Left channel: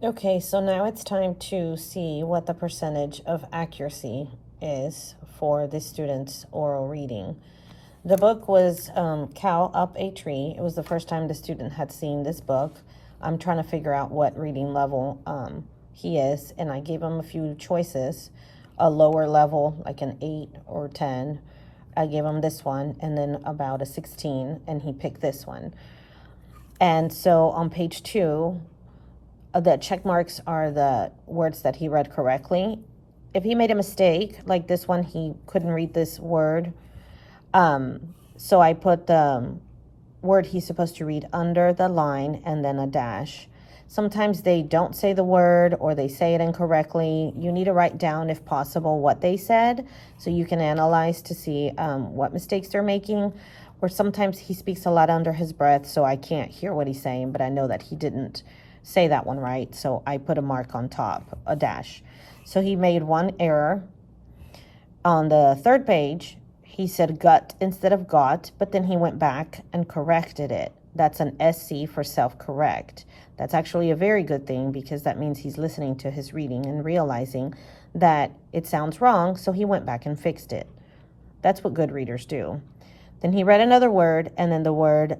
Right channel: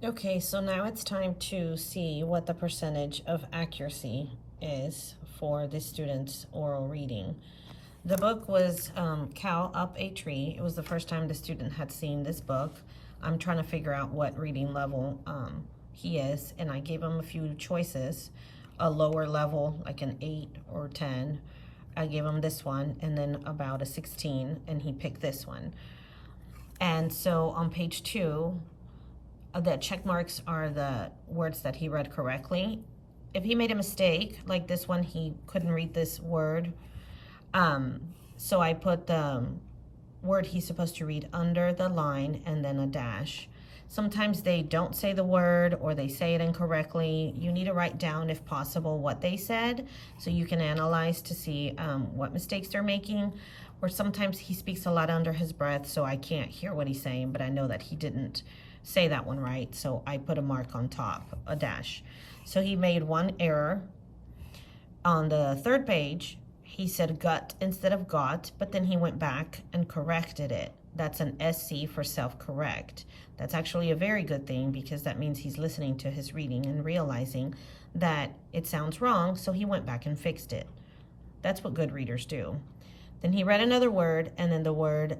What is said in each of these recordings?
Okay, so now it's time to see what the percentage of accuracy is for the student's oral reading. The book was Cow Up a Tree. It was the first time the student had seen this book. I'm trying to figure out what reading level he is, and I gave him a few choices. A lower level, like an 8 or 10. I gave him this one, and then about a 16, and he picked this one. And so on page 2, the check marks are the words that he read correctly. If he made a mistake, like this one, he couldn't read this word. So I put the word he's supposed to read under the line and then a dash. Sometimes they don't say the word or they say it incorrectly. You need to write down, if possible, what they said so you can analyze to see what mistakes they're making. Or sometimes he speaks a lot under his breath, so I can't hear what he's saying, but I know that he didn't say that one right, so I put a mark on top, a dash. So he made one error. On the third page, he said gut instead of got, but then he went back and corrected it. That's an SC for self-correct. That's actually a very good thing because that means he's listening to his reading and realizing that it sounds wrong, so he went back and fixed it. That's what good readers do. Then he read another word, and then the word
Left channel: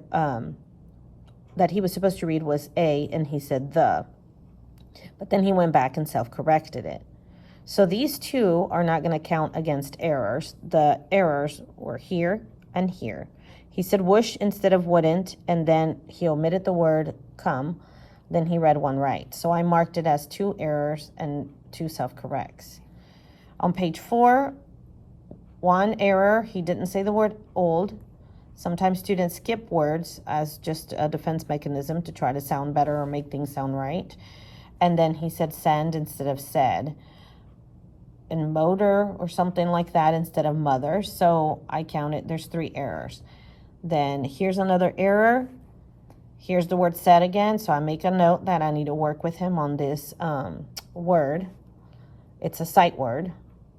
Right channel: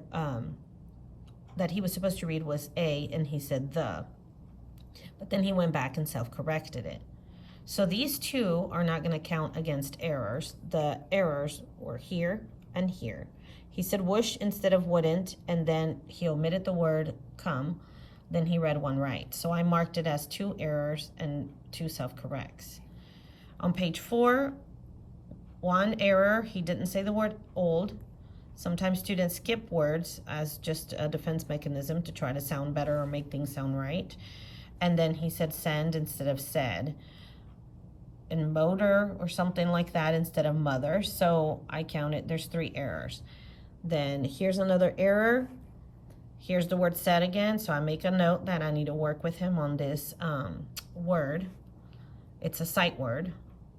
that he was supposed to read was a, and he said the. But then he went back and self-corrected it. So these two are not going to count against errors. The errors were here and here. He said whoosh instead of wouldn't, and then he omitted the word come. Then he read one right. So I marked it as 2 errors and 2 self-corrects. On page 4, 1 error, he didn't say the word old. Sometimes students skip words as just a defense mechanism to try to sound better or make things sound right. And then he said send instead of said. And motor or something like that instead of mother. So I counted, there's 3 errors. Then here's another error. Here's the word said again. So I make a note that I need to work with him on this word. It's a sight word,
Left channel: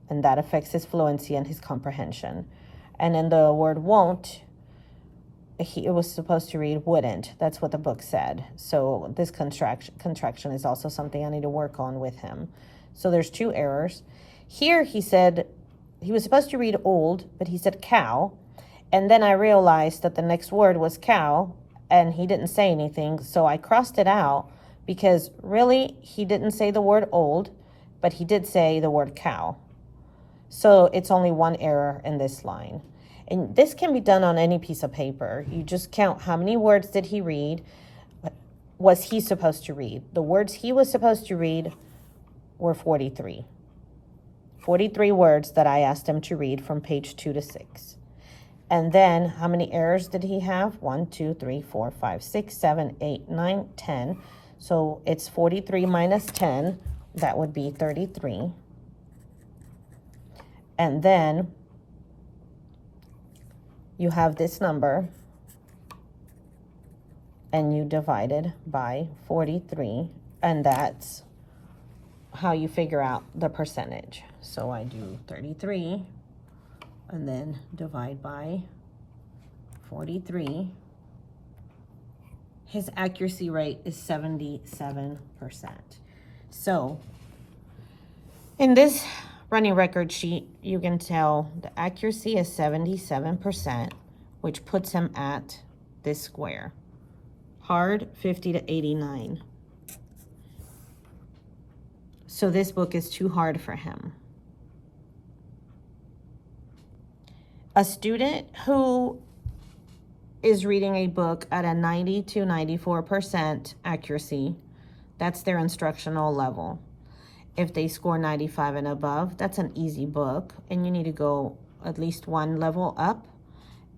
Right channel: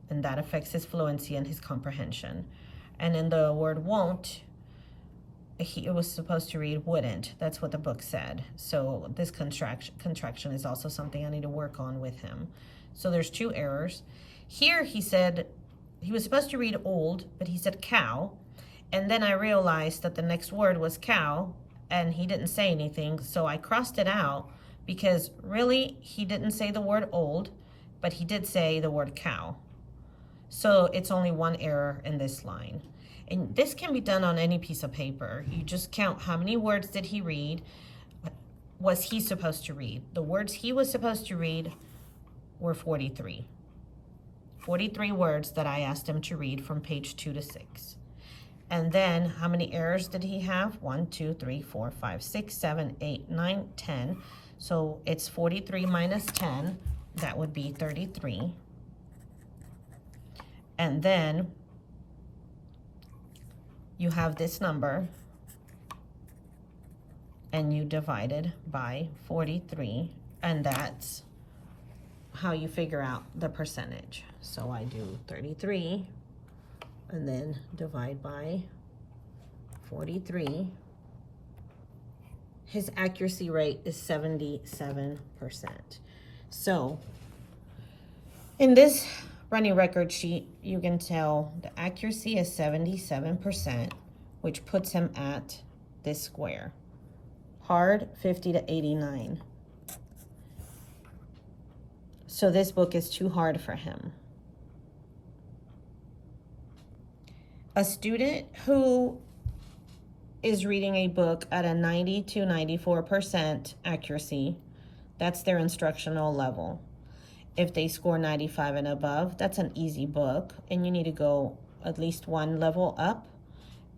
and that affects his fluency and his comprehension. And then the word won't, it was supposed to read wouldn't. That's what the book said. So this contraction is also something I need to work on with him. So there's 2 errors. Here he said, he was supposed to read old, but he said cow. And then I realized that the next word was cow, and he didn't say anything. So I crossed it out because really he didn't say the word old, but he did say the word cow. So it's only 1 error in this line. And this can be done on any piece of paper. You just count how many words did he read, was he supposed to read. The words he was supposed to read were 43. 43 words that I asked him to read from page 2 to 6. And then how many errors did he have? 1, 2, 3, 4, 5, 6, 7, 8, 9, 10. So it's 43 minus 10. That would be 33. And then you have this number and you divide it by 43, and that's how you figure out the percentage. So I do 33 and then divide by 43. His accuracy rate is 77%. So in this running record sheet, you can tell the accuracy is 77%, which puts him at this square. Hard, 50 to 89. So this book is too hard for him. A student who is reading a book at a 90 to 94% accuracy, that's their instructional level. If they score 95 and above, that's an easy book, and you need to go at least 1 level up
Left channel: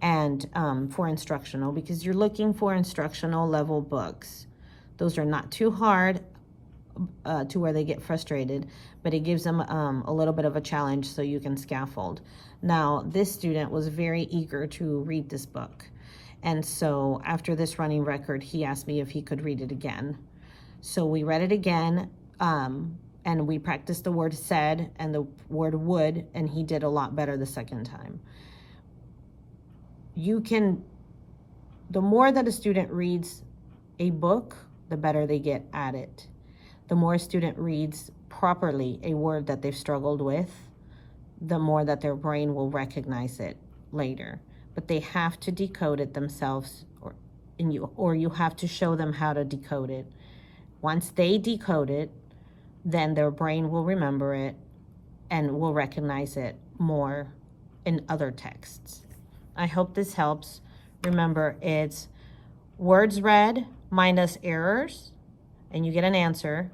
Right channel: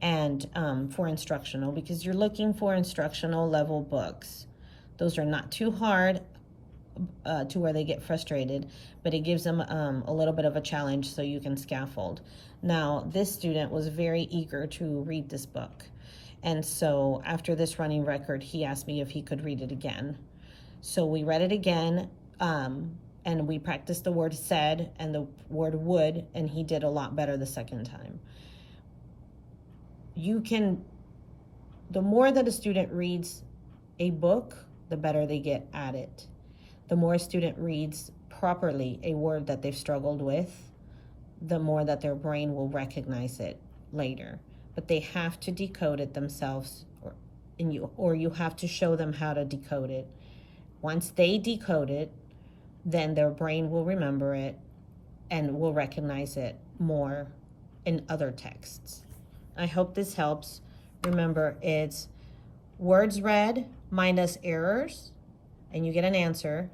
and for instructional, because you're looking for instructional level books. Those are not too hard to where they get frustrated, but it gives them a little bit of a challenge so you can scaffold. Now, this student was very eager to read this book. And so after this running record, he asked me if he could read it again. So we read it again, and we practiced the word said and the word would, and he did a lot better the second time. The more that a student reads a book, the better they get at it. The more a student reads properly a word that they've struggled with, the more that their brain will recognize it later. But they have to decode it themselves, or you have to show them how to decode it. Once they decode it, then their brain will remember it and will recognize it more in other texts. I hope this helps. Remember, it's words read minus errors, and you get an answer,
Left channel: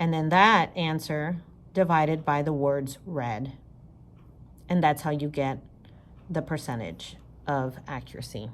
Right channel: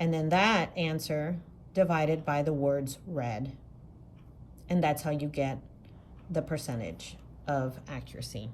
and then that answer divided by the words read. And that's how you get the percentage of accuracy.